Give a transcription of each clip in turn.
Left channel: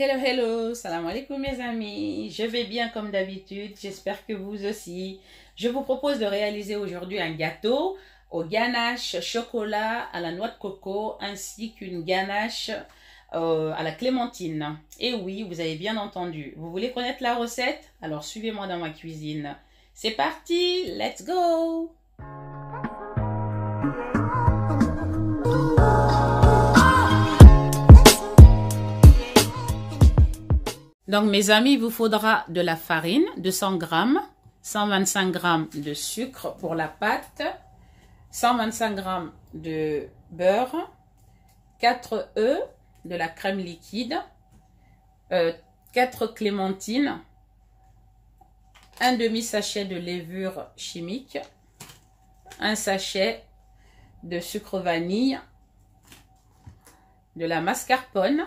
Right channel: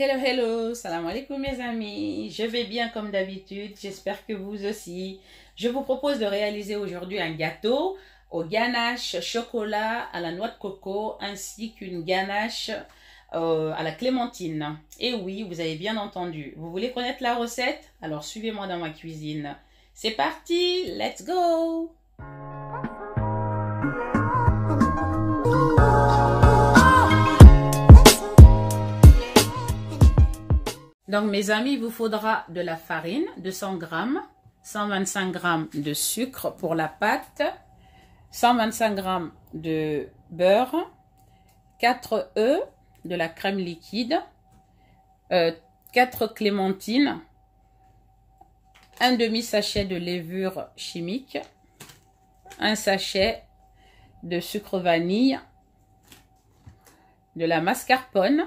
Hello, hello, salam alaikum mes amis, je vais bien comme d'habitude, j'espère que vous aussi. Je vous propose de réaliser aujourd'hui un gâteau au ganache chocolat à la noix de coco ainsi qu'une ganache à la clémentine. Et oui, vous avez bien entendu. Vous voulez connaître la recette? Alors suivez-moi dans ma cuisine. C'est parti, let's go! Donc mes amis, il vous faudra de la farine, 200 g, 125 g de sucre pour la pâte, 125 g de beurre, 4 œufs, de la crème liquide, 4 clémentines, un demi-sachet de levure chimique, un sachet de sucre vanille, de la mascarpone,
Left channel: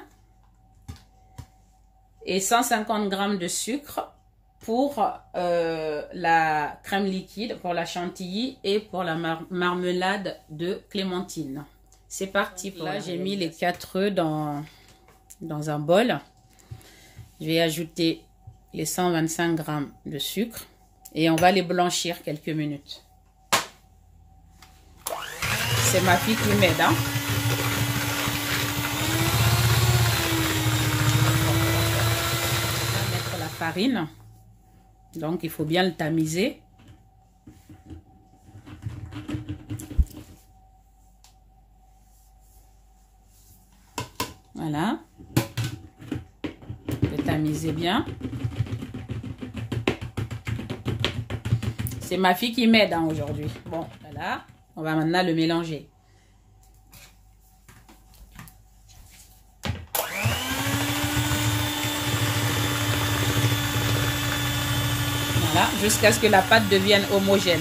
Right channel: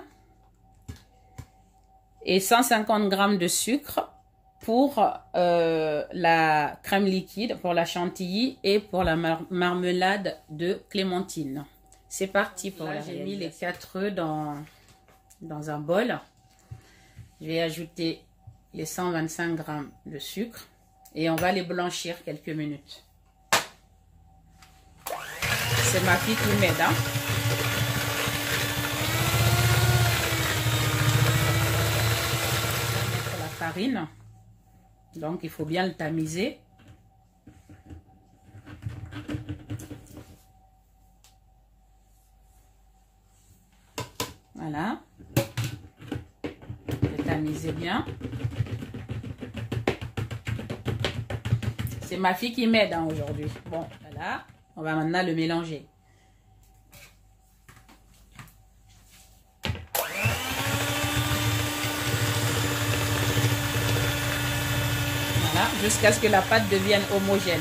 et 150 g de sucre pour la crème liquide, pour la chantilly et pour la marmelade de clémentine. C'est parti pour là, j'ai mis les 4 œufs dans un bol. Je vais ajouter les 125 g de sucre et on va les blanchir quelques minutes. C'est ma fille qui m'aide, hein. Farine, donc il faut bien le tamiser. Voilà, le tamiser bien. C'est ma fille qui m'aide aujourd'hui. Bon, voilà, on va maintenant le mélanger. Jusqu'à ce que la pâte devienne homogène.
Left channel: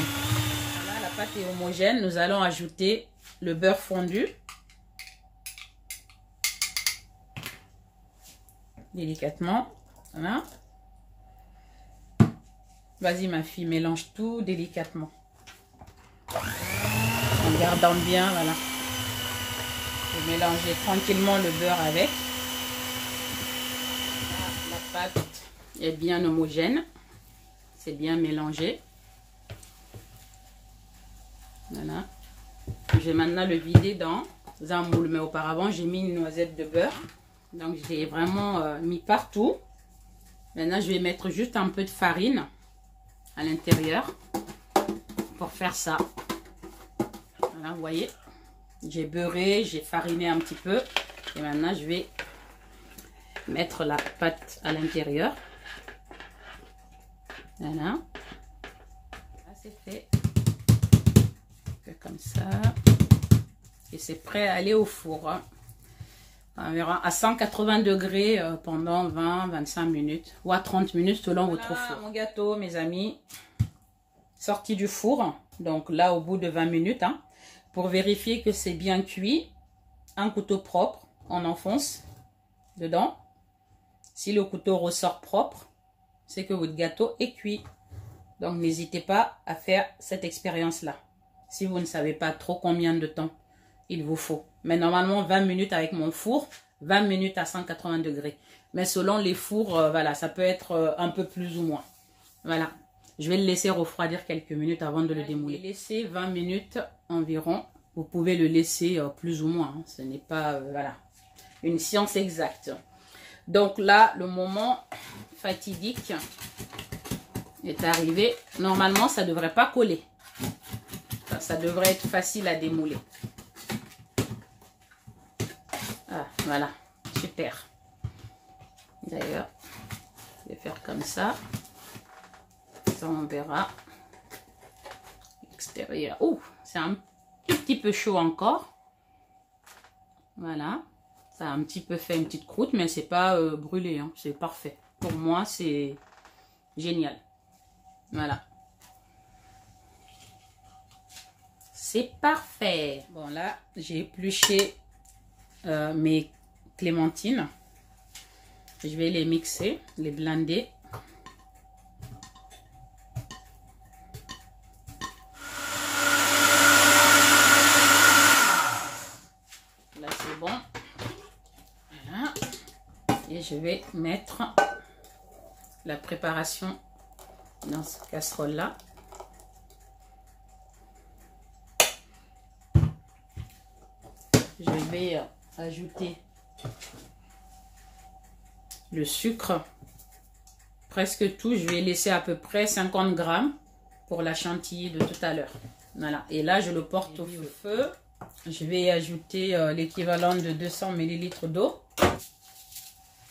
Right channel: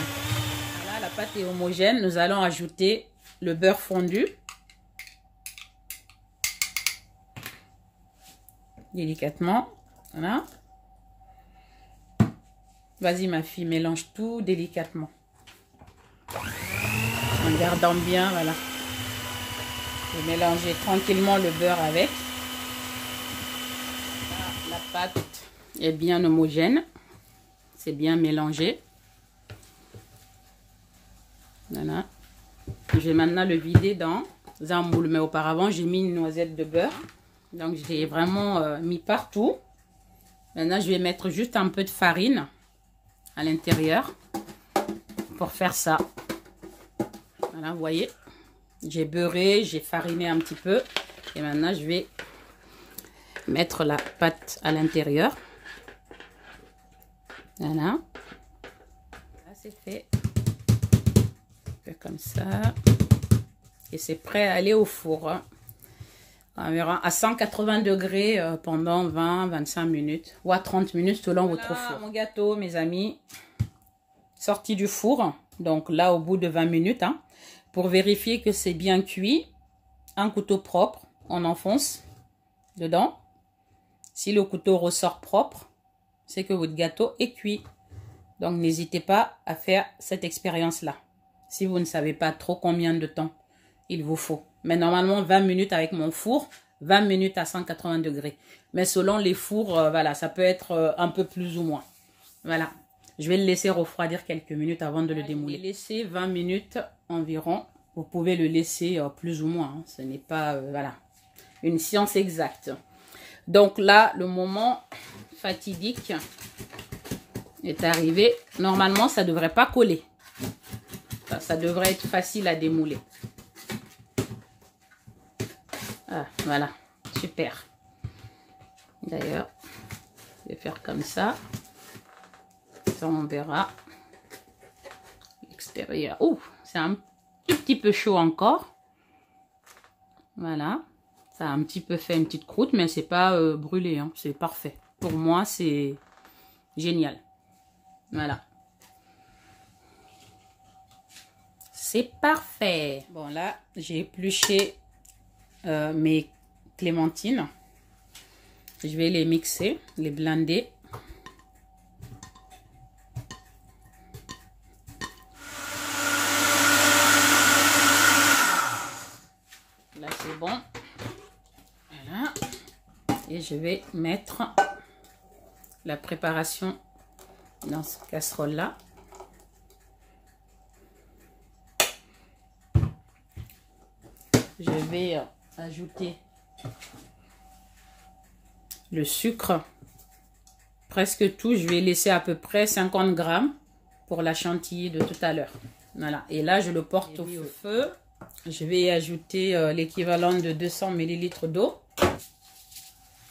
Voilà, la pâte est homogène. Nous allons ajouter le beurre fondu. Délicatement. Voilà. Vas-y ma fille, mélange tout délicatement. En gardant bien, voilà. Je vais mélanger tranquillement le beurre avec. La pâte est bien homogène. C'est bien mélangé. Voilà. Je vais maintenant le vider dans un moule. Mais auparavant, j'ai mis une noisette de beurre. Donc, je l'ai vraiment mis partout. Maintenant, je vais mettre juste un peu de farine à l'intérieur pour faire ça. Voilà, vous voyez. J'ai beurré, j'ai fariné un petit peu. Et maintenant, je vais mettre la pâte à l'intérieur. Voilà, là c'est fait, comme ça, et c'est prêt à aller au four, environ à 180 degrés pendant 20-25 minutes, ou à 30 minutes selon votre four. Mon gâteau, mes amis, sorti du four, donc là au bout de 20 minutes, hein, pour vérifier que c'est bien cuit, un couteau propre, on enfonce dedans. Si le couteau ressort propre, c'est que votre gâteau est cuit. Donc, n'hésitez pas à faire cette expérience-là. Si vous ne savez pas trop combien de temps il vous faut. Mais normalement, 20 minutes avec mon four, 20 minutes à 180 degrés. Mais selon les fours, voilà, ça peut être un peu plus ou moins. Voilà. Je vais le laisser refroidir quelques minutes avant de le démouler. Laissez 20 minutes environ. Vous pouvez le laisser plus ou moins. Hein. Ce n'est pas, voilà, une science exacte. Donc là, le moment fatidique est arrivé. Normalement, ça ne devrait pas coller. Ça devrait être facile à démouler. Ah, voilà, super. D'ailleurs, je vais faire comme ça. Ça, on verra. L'extérieur. Oh, c'est un petit peu chaud encore. Voilà. Ça a un petit peu fait une petite croûte, mais c'est pas brûlé, hein. C'est parfait. Pour moi, c'est génial. Voilà. C'est parfait. Bon, là, j'ai épluché mes clémentines. Je vais les mixer, les blender. Là, c'est bon. Voilà. Et je vais mettre la préparation dans cette casserole là. Je vais ajouter le sucre, presque tout. Je vais laisser à peu près 50 grammes pour la chantilly de tout à l'heure. Voilà, et là je le porte au feu. Je vais ajouter l'équivalent de 200 ml d'eau,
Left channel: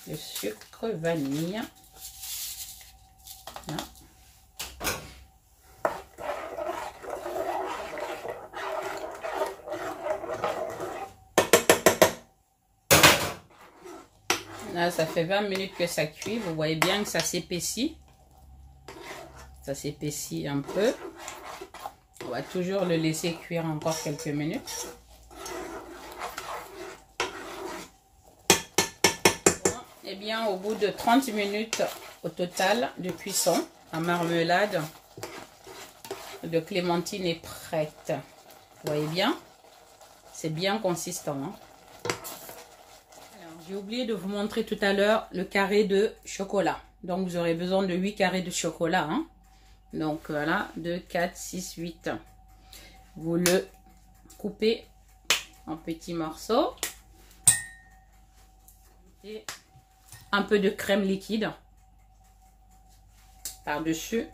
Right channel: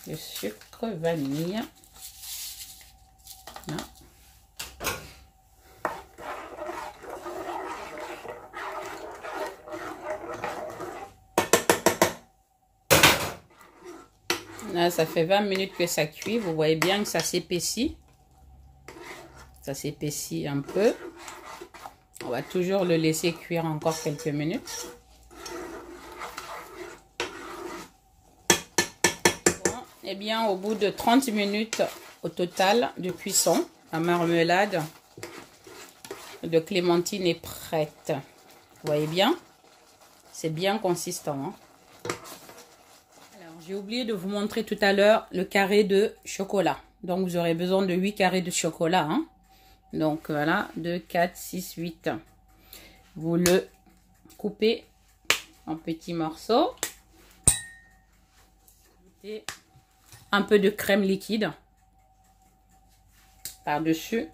le sucre vanille. Là. Là, ça fait 20 minutes que ça cuit. Vous voyez bien que ça s'épaissit. Ça s'épaissit un peu. On va toujours le laisser cuire encore quelques minutes. Bon, et bien, au bout de 30 minutes au total de cuisson, la marmelade de clémentine est prête. Vous voyez bien? C'est bien consistant. Hein? J'ai oublié de vous montrer tout à l'heure le carré de chocolat. Donc, vous aurez besoin de 8 carrés de chocolat. Hein. Donc, voilà, 2, 4, 6, 8. Vous le coupez en petits morceaux. Et un peu de crème liquide par-dessus.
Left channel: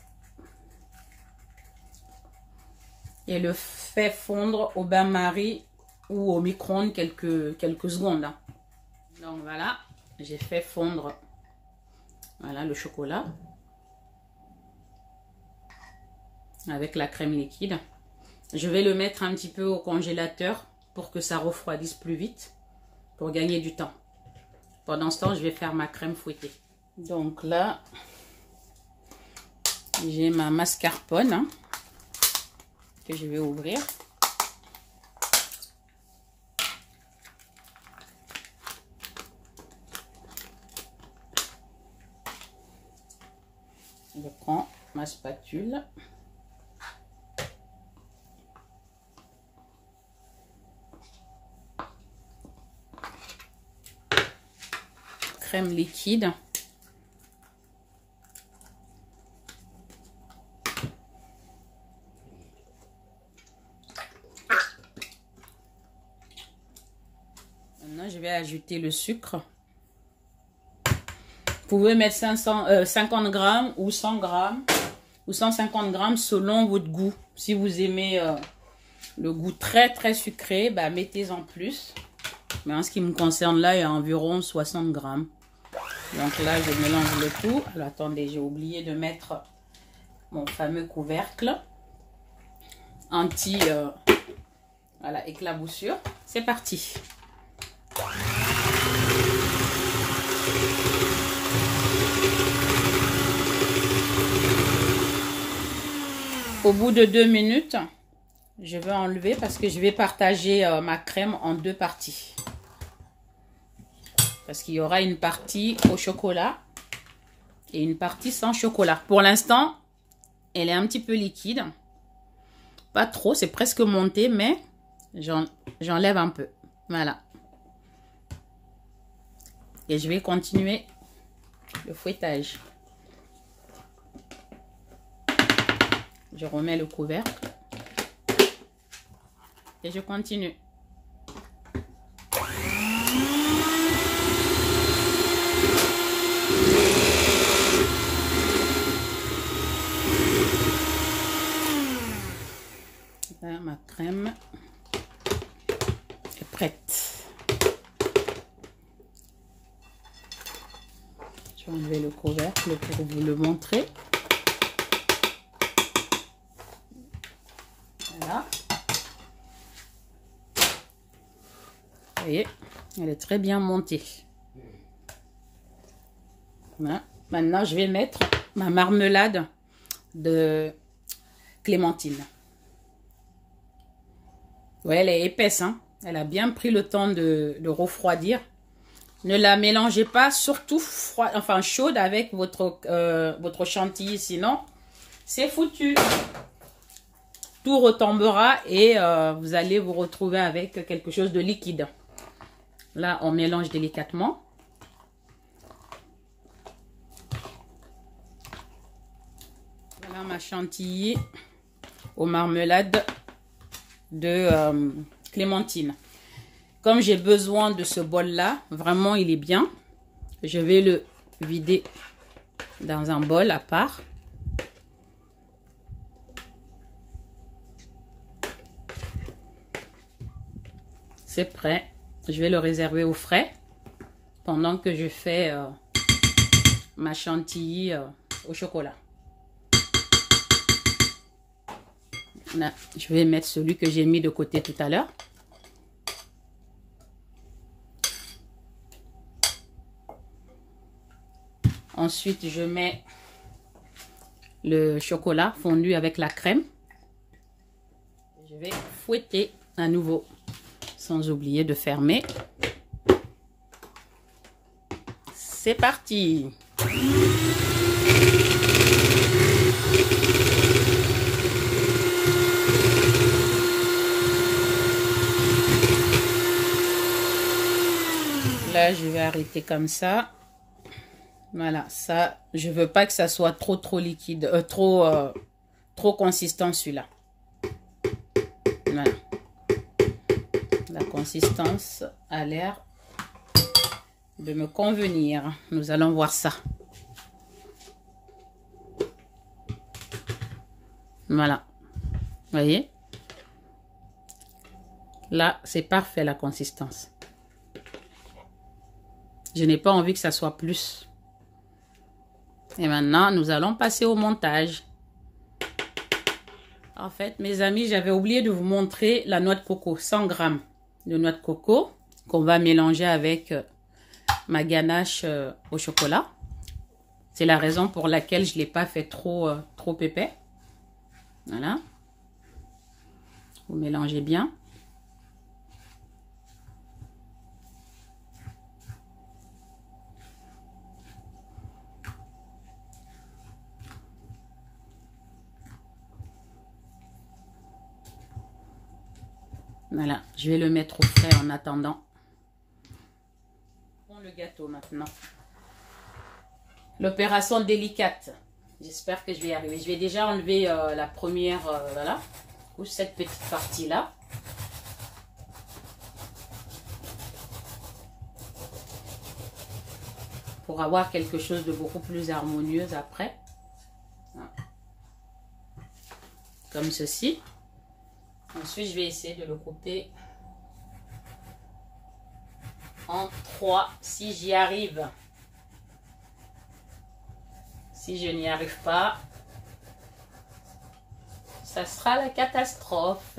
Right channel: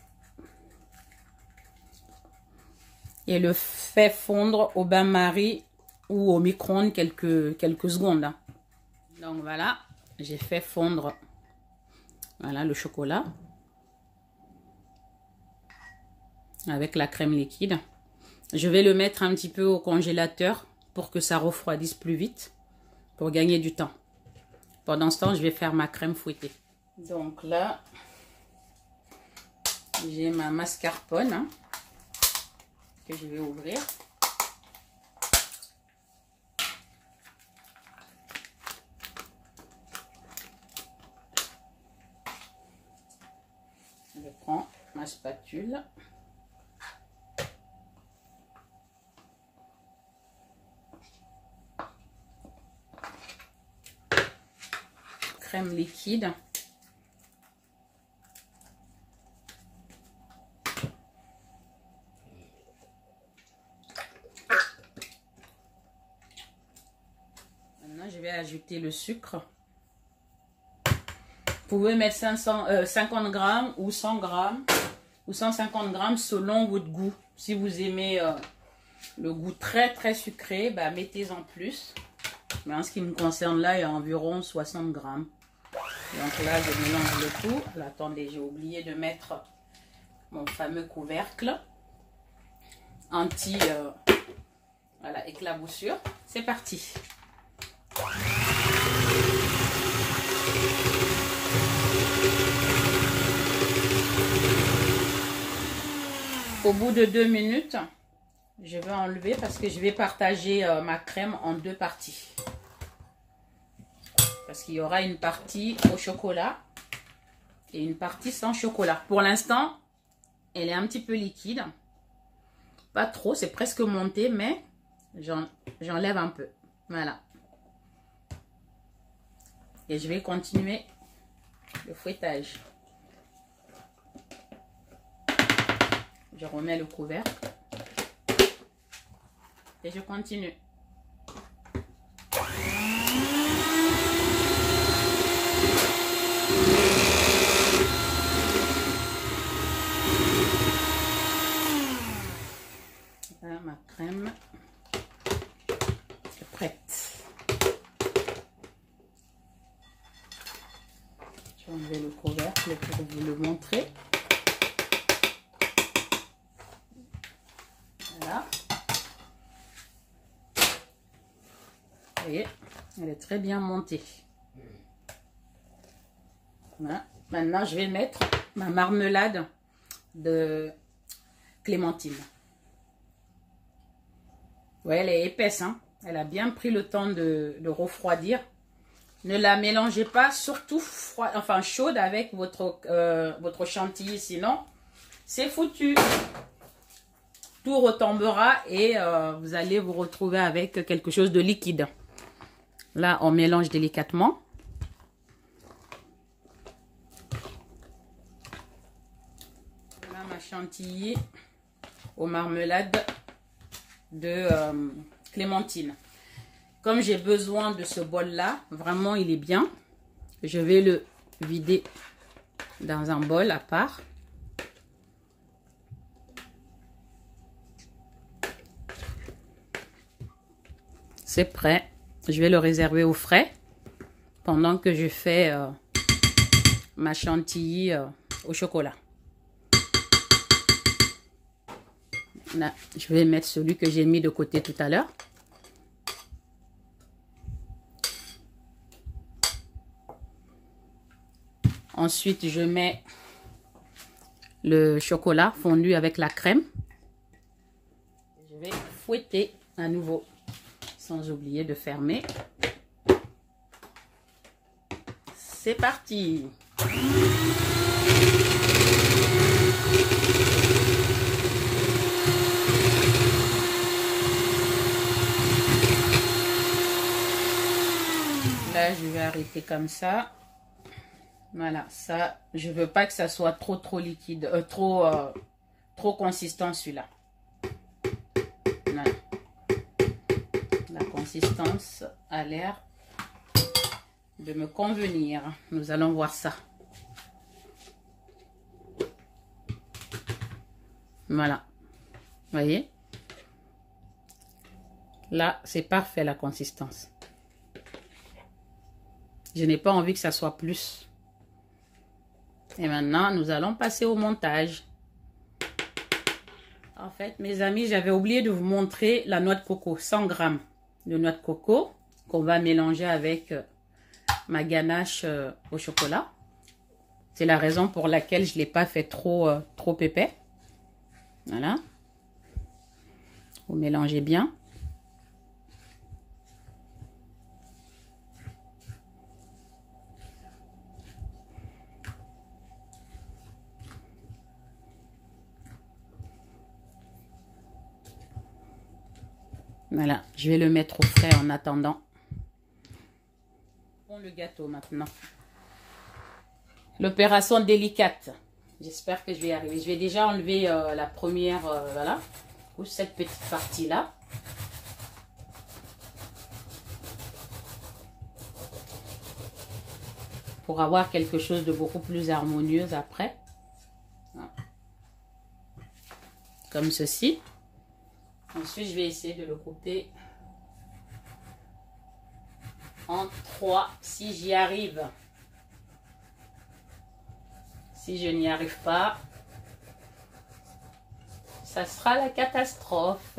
Et le fait fondre au bain-marie ou au micro-ondes quelques secondes. Hein. Donc voilà, j'ai fait fondre voilà, le chocolat avec la crème liquide. Je vais le mettre un petit peu au congélateur pour que ça refroidisse plus vite, pour gagner du temps. Pendant ce temps, je vais faire ma crème fouettée. Donc là, j'ai ma mascarpone hein, que je vais ouvrir. Je prends ma spatule. Crème liquide. Maintenant, je vais ajouter le sucre. Vous pouvez mettre 50 grammes ou 100 grammes ou 150 grammes selon votre goût. Si vous aimez le goût très sucré, bah, mettez-en plus. Mais en ce qui me concerne là, il y a environ 60 grammes. Donc là, je mélange le tout. Alors, attendez, j'ai oublié de mettre mon fameux couvercle anti voilà, éclaboussure. C'est parti. Au bout de 2 minutes, je vais enlever parce que je vais partager ma crème en 2 parties. Parce qu'il y aura une partie au chocolat et une partie sans chocolat. Pour l'instant, elle est un petit peu liquide. Pas trop, c'est presque monté, mais j'enlève un peu. Voilà. Et je vais continuer le fouettage. Je remets le couvercle. Et je continue. Voilà, ma crème est prête. Je vais enlever le couvercle pour vous le montrer. Voilà. Vous voyez, elle est très bien montée. Voilà. Maintenant, je vais mettre ma marmelade de clémentine. Ouais, elle est épaisse, hein. Elle a bien pris le temps de refroidir. Ne la mélangez pas, surtout chaude avec votre chantilly, sinon c'est foutu. Tout retombera et vous allez vous retrouver avec quelque chose de liquide. Là, on mélange délicatement. ma chantilly aux marmelades de clémentine. Comme j'ai besoin de ce bol là, vraiment il est bien, je vais le vider dans un bol à part. C'est prêt, je vais le réserver au frais pendant que je fais ma chantilly au chocolat. Là, je vais mettre celui que j'ai mis de côté tout à l'heure. Ensuite, je mets le chocolat fondu avec la crème. Je vais fouetter à nouveau, sans oublier de fermer. C'est parti! Là, je vais arrêter comme ça. Voilà, ça, je veux pas que ça soit trop liquide, trop consistant celui-là. Voilà. La consistance a l'air de me convenir. Nous allons voir ça. Voilà. Vous voyez? Là, c'est parfait la consistance. Je n'ai pas envie que ça soit plus. Et maintenant, nous allons passer au montage. En fait, mes amis, j'avais oublié de vous montrer la noix de coco. 100 grammes de noix de coco qu'on va mélanger avec ma ganache au chocolat. C'est la raison pour laquelle je ne l'ai pas fait trop épais. Voilà. Vous mélangez bien. Voilà, je vais le mettre au frais en attendant. Bon, le gâteau maintenant. L'opération délicate. J'espère que je vais y arriver. Je vais déjà enlever la première, voilà, ou cette petite partie-là. Pour avoir quelque chose de beaucoup plus harmonieux après. Voilà. Comme ceci. Ensuite, je vais essayer de le couper en 3 si j'y arrive. Si je n'y arrive pas, ça sera la catastrophe.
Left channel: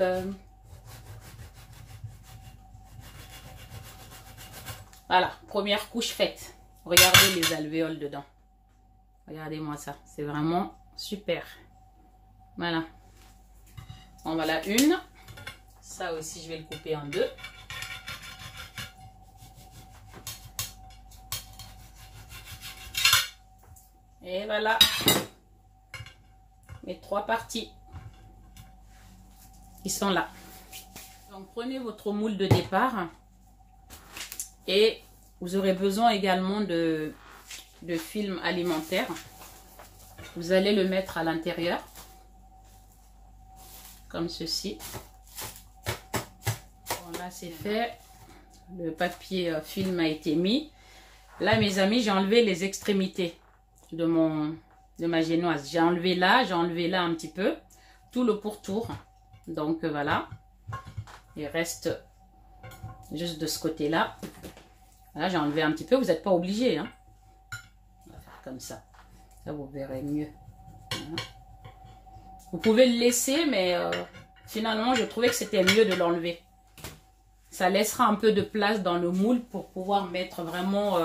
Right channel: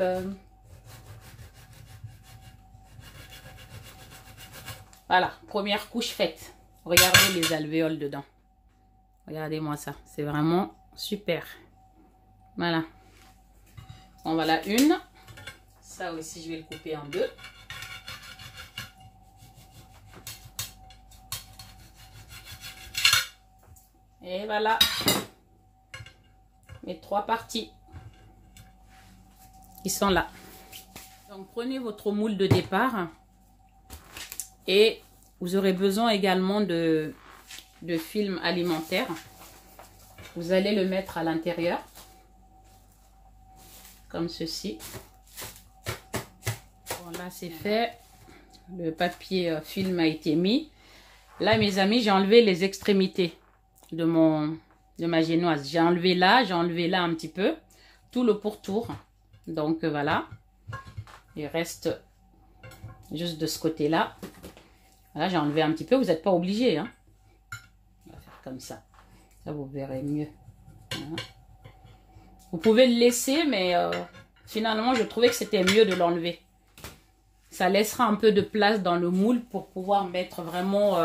Voilà, première couche faite. Regardez les alvéoles dedans. Regardez-moi ça, c'est vraiment super. Voilà. En voilà une. Ça aussi, je vais le couper en deux. Et voilà. Mes 3 parties qui sont là. Donc, prenez votre moule de départ. Et vous aurez besoin également de film alimentaire. Vous allez le mettre à l'intérieur. Comme ceci. Bon, là c'est fait, le papier film a été mis. Là mes amis, j'ai enlevé les extrémités de ma génoise. J'ai enlevé là un petit peu, tout le pourtour. Donc voilà, il reste juste de ce côté là. Voilà, j'ai enlevé un petit peu, vous n'êtes pas obligé, hein. On va faire comme ça, vous verrez mieux. Voilà. Vous pouvez le laisser, mais finalement, je trouvais que c'était mieux de l'enlever. Ça laissera un peu de place dans le moule pour pouvoir mettre vraiment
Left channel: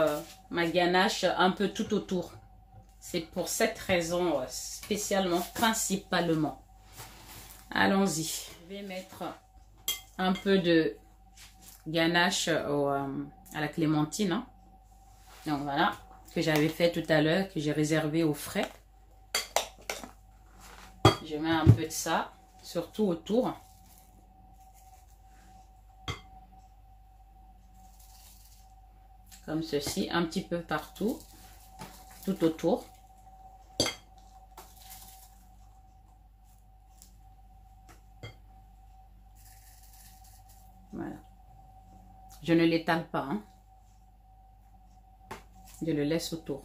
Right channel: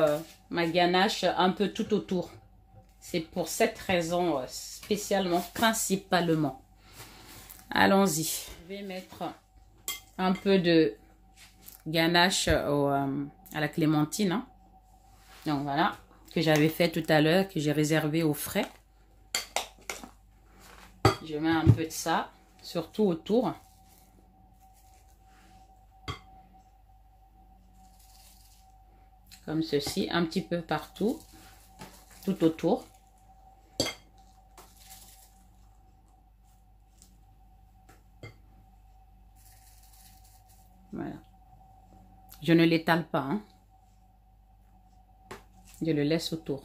ma ganache un peu tout autour. C'est pour cette raison spécialement, principalement. Allons-y. Je vais mettre un peu de ganache à la clémentine. Hein. Donc voilà, que j'avais fait tout à l'heure, que j'ai réservé au frais. Je mets un peu de ça, surtout autour. Comme ceci, un petit peu partout, tout autour. Je ne l'étale pas, hein. Je le laisse autour.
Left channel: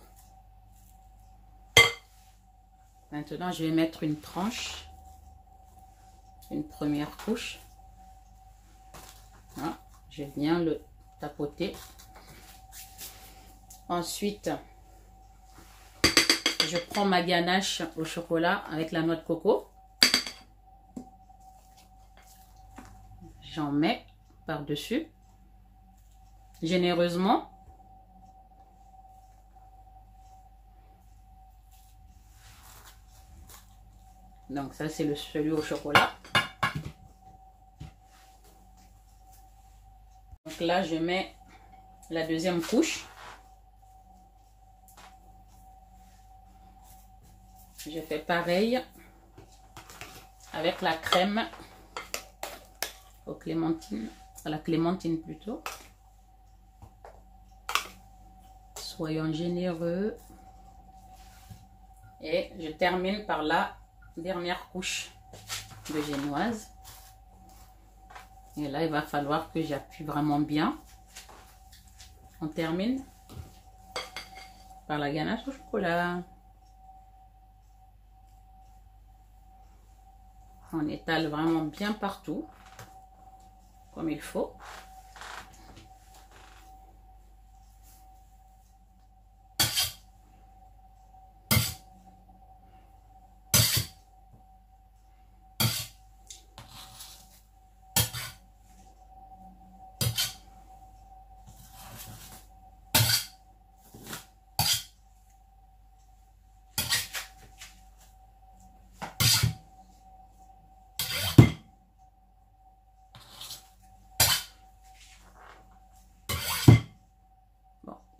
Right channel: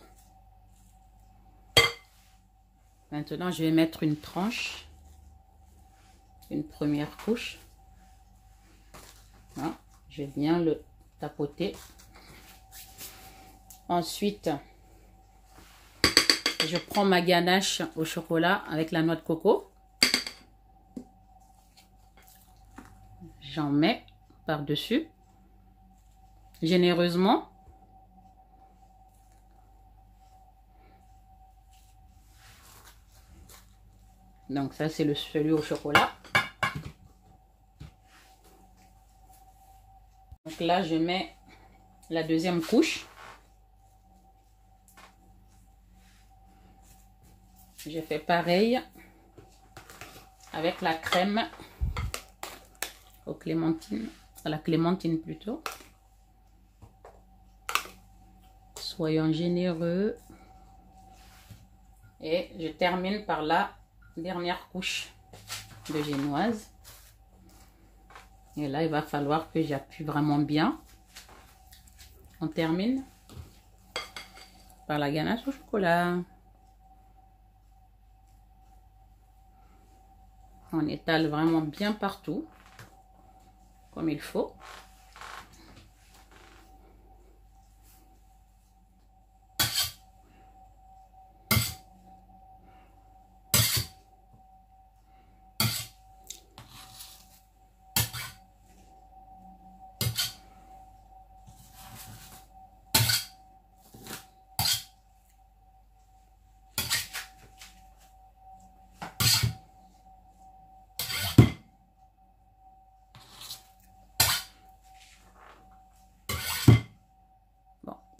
Maintenant, je vais mettre une tranche, une première couche. Voilà. Je viens le tapoter. Ensuite, je prends ma ganache au chocolat avec la noix de coco. J'en mets par-dessus, généreusement. Donc ça, c'est celui au chocolat. Donc là, je mets la deuxième couche. Je fais pareil avec la crème aux clémentines, à la clémentine plutôt. Soyons généreux. Et je termine par la dernière couche de génoise. Et là, il va falloir que j'appuie vraiment bien. On termine par la ganache au chocolat. On étale vraiment bien partout, comme il faut.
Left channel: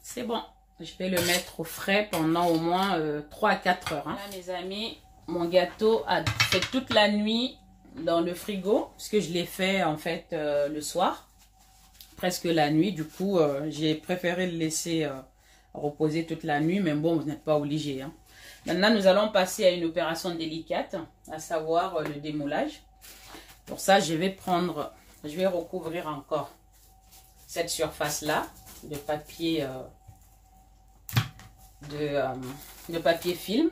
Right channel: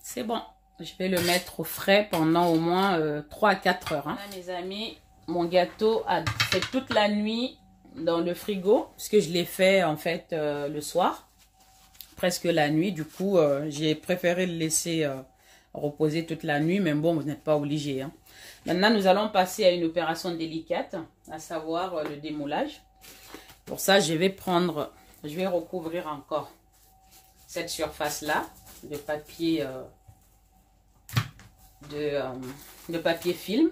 C'est bon, je vais le mettre au frais pendant au moins 3 à 4 heures. Hein. Là, mes amis, mon gâteau a fait toute la nuit dans le frigo, parce que je l'ai fait en fait le soir, presque la nuit. Du coup, j'ai préféré le laisser reposer toute la nuit, mais bon, vous n'êtes pas obligé. Hein. Maintenant, nous allons passer à une opération délicate, à savoir le démoulage. Pour ça, je vais recouvrir encore cette surface-là de papier de papier film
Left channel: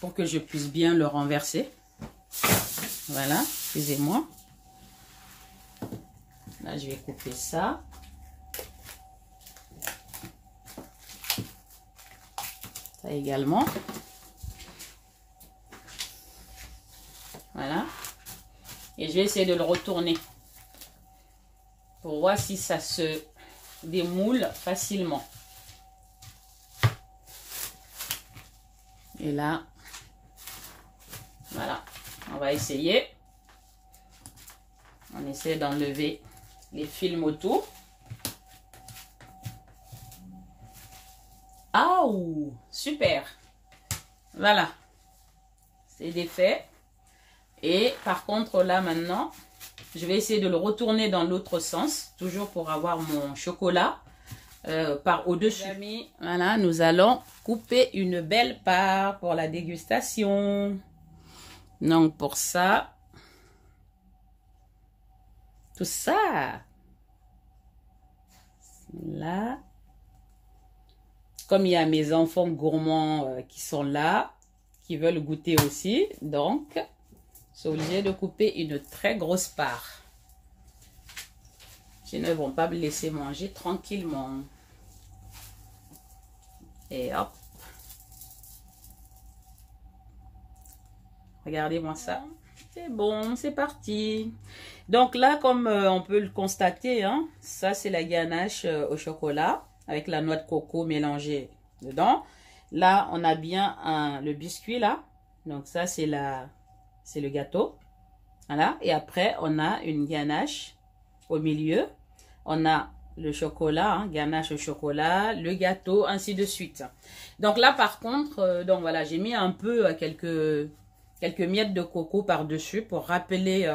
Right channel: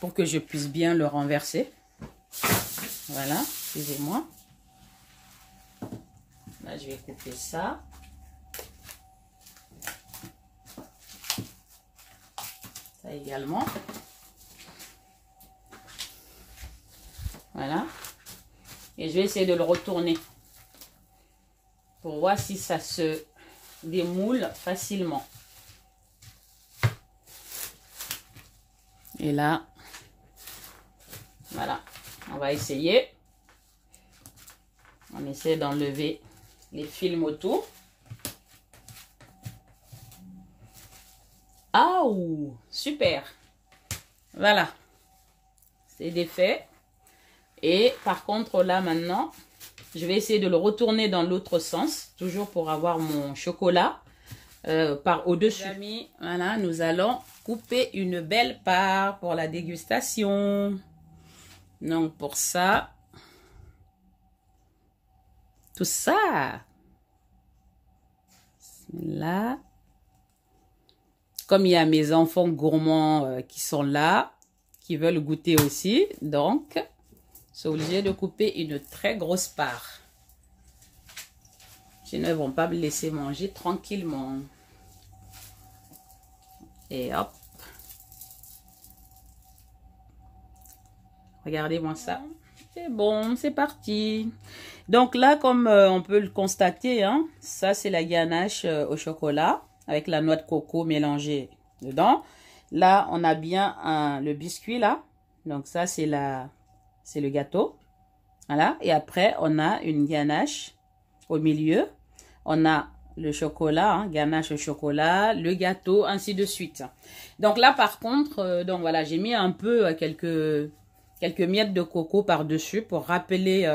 pour que je puisse bien le renverser. Voilà, excusez-moi. Là, je vais couper ça. Ça également. Voilà. Et je vais essayer de le retourner pour voir si ça se démoule facilement. Et là, voilà, on va essayer. On essaie d'enlever les films autour. Ah, super. Voilà, c'est défait. Et par contre, là maintenant, je vais essayer de le retourner dans l'autre sens, toujours pour avoir mon chocolat par au-dessus. Voilà, nous allons couper une belle part pour la dégustation. Donc pour ça, tout ça, là, comme il y a mes enfants gourmands qui sont là, qui veulent goûter aussi, donc c'est obligé de couper une très grosse part. Ils ne vont pas me laisser manger tranquillement. Et hop. Regardez-moi ça. C'est bon, c'est parti. Donc là, comme on peut le constater, hein, ça c'est la ganache au chocolat avec la noix de coco mélangée dedans. Là, on a bien le biscuit là. Donc ça c'est le gâteau. Voilà. Et après, on a une ganache au milieu. On a le chocolat, hein, ganache au chocolat, le gâteau, ainsi de suite. Donc là, par contre, donc voilà, j'ai mis un peu quelques miettes de coco par-dessus pour rappeler,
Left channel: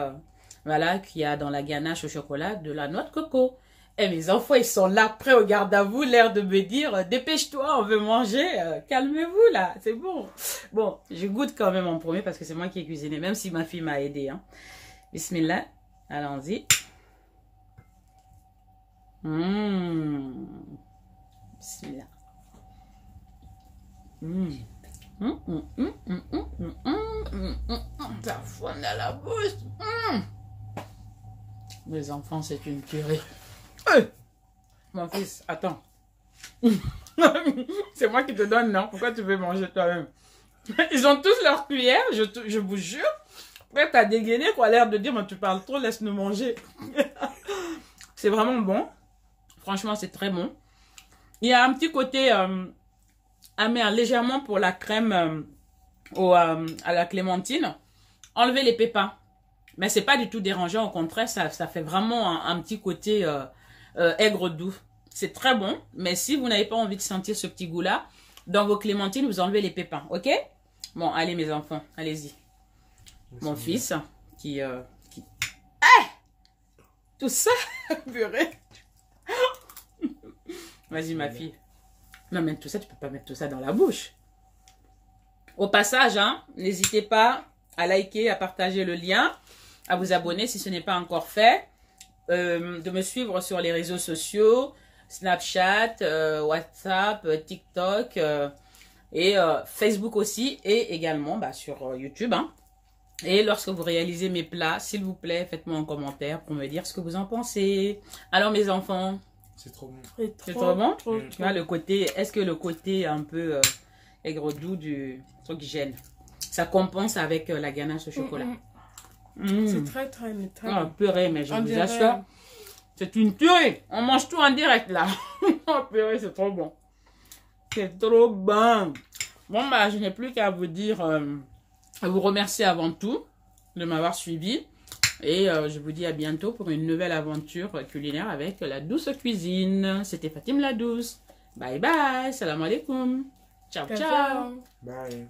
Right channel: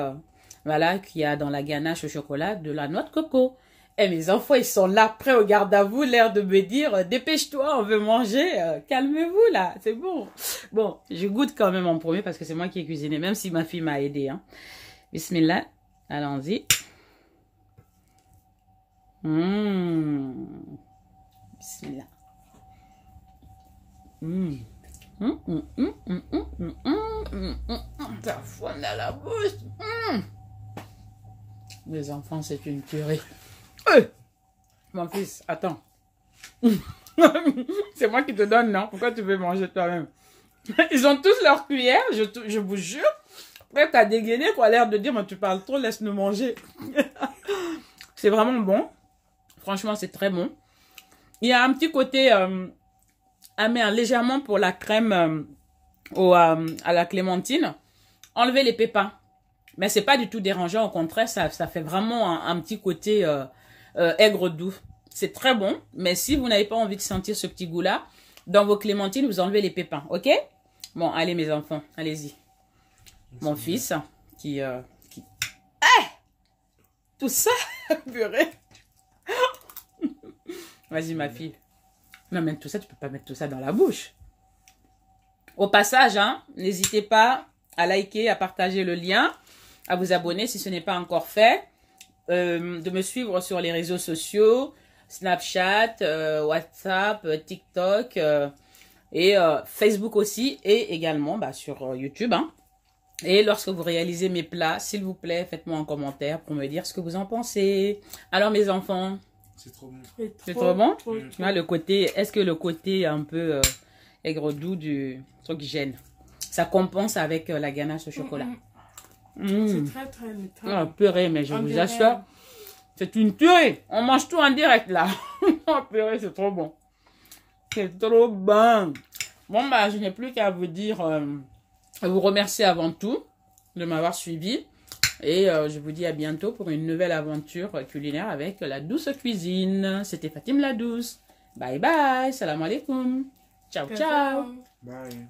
voilà, qu'il y a dans la ganache au chocolat de la noix de coco. Et mes enfants, ils sont là, prêts au garde à vous, l'air de me dire, dépêche-toi, on veut manger, calmez-vous là, c'est bon. Bon, je goûte quand même en premier parce que c'est moi qui ai cuisiné, même si ma fille m'a aidé. Hein. Bismillah, allons-y. Bismillah. Ça fond dans la bouche. Les enfants, c'est une purée. Mon fils, attends. C'est moi qui te donne, non? Pourquoi tu veux manger toi-même? Ils ont tous leur cuillère, je vous jure. Après, t'as dégainé pour l'air de dire, mais tu parles trop, laisse-nous manger. C'est vraiment bon. Franchement, c'est très bon. Il y a un petit côté amer, légèrement pour la crème à la clémentine. Enlevez les pépins. Mais c'est pas du tout dérangeant, au contraire, ça fait vraiment un petit côté aigre doux. C'est très bon, mais si vous n'avez pas envie de sentir ce petit goût-là, dans vos clémentines, vous enlevez les pépins, ok? Bon, allez mes enfants, allez-y. Mon fils, qui... tout ça, purée. Vas-y ma fille. Non, mais tout ça, tu peux pas mettre tout ça dans la bouche. Au passage, hein, n'hésitez pas à liker, à partager le lien, à vous abonner si ce n'est pas encore fait, de me suivre sur les réseaux sociaux, Snapchat, WhatsApp, TikTok et Facebook aussi, et également sur YouTube. Hein. Et lorsque vous réalisez mes plats, s'il vous plaît, faites-moi un commentaire pour me dire ce que vous en pensez. Alors mes enfants, c'est trop bon. C'est trop bon. Tu vois le côté, est-ce que le côté un peu aigre doux du truc gêne? Ça compense avec la ganache au chocolat. C'est très purée, mais je vous assure, c'est une tuerie. On mange tout en direct là. Purée, c'est trop bon. C'est trop bon. Bon, bah, je n'ai plus qu'à vous dire, à vous remercier avant tout de m'avoir suivi. Et je vous dis à bientôt pour une nouvelle aventure culinaire avec la douce cuisine. C'était Fatim la douce. Bye bye. Salam alaikum. Ciao, ciao. Bye.